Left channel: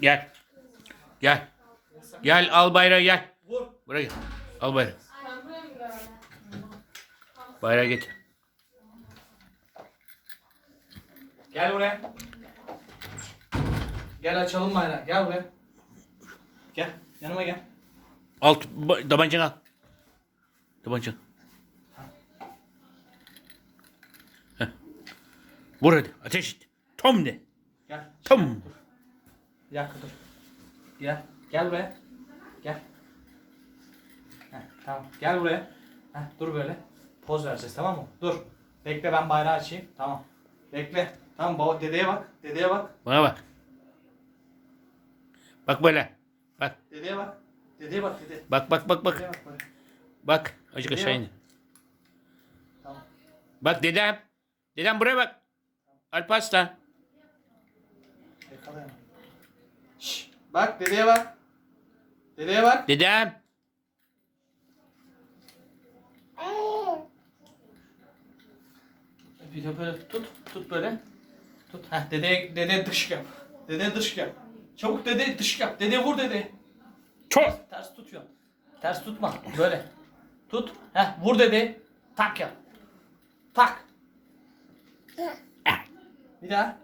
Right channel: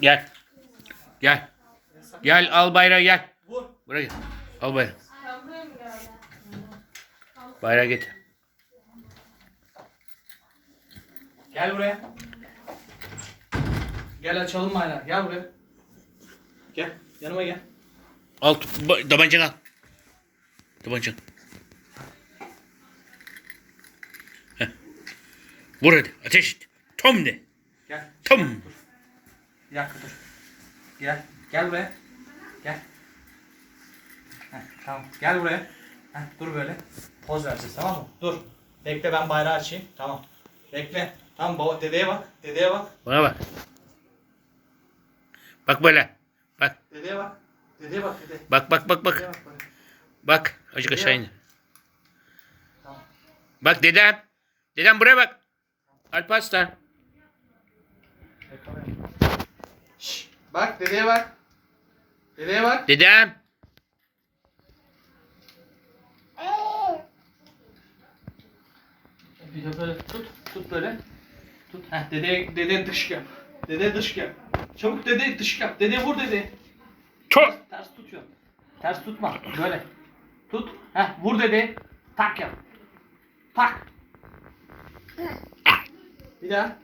Gel. Gel. Gel al bayrağı gel. Buraya gel. Al bayrağı. Bayrağı getir. Gel buraya. Gel açalım bayrağı. Gel buraya. Gel. Yanıma gel. Al ba- tabancanı al. Tabancanı. Vur hadi. Ateş et. Tom de. Gel. Tom. Bir dakika dur. Gel. Gel buraya. Gel. Heh, tamam. Gel buraya. Heh, dur böyle. Poz vereceğiz tamam mı? Dur. Bekle ben bayrağı açayım. Tamam. Bekle. Tamam baba dedeye bak. Dedeye bak. Bana bak. Bak böyle. Bak. Dedeye bak. Dedeye bak dede. Bak bak bak Dedeye bak. bak böyle. Bak. Azıcık aşağı in. Tamam. Bak dedem. Dedem buraya bak. Alparslan. Bak dedeye bak. Dedeye bak. Dedem. Bir de böyle tut. Tut böyle. Tut. Heh, dede, dede dış yap. Dede dış yap. Çabuk dede dış yap. Dede vur dede. Çok. Ters tutuyor. Ters tutma. Böyle. Tut. Heh, vur dede. Tak yap. Tak. Bir daha.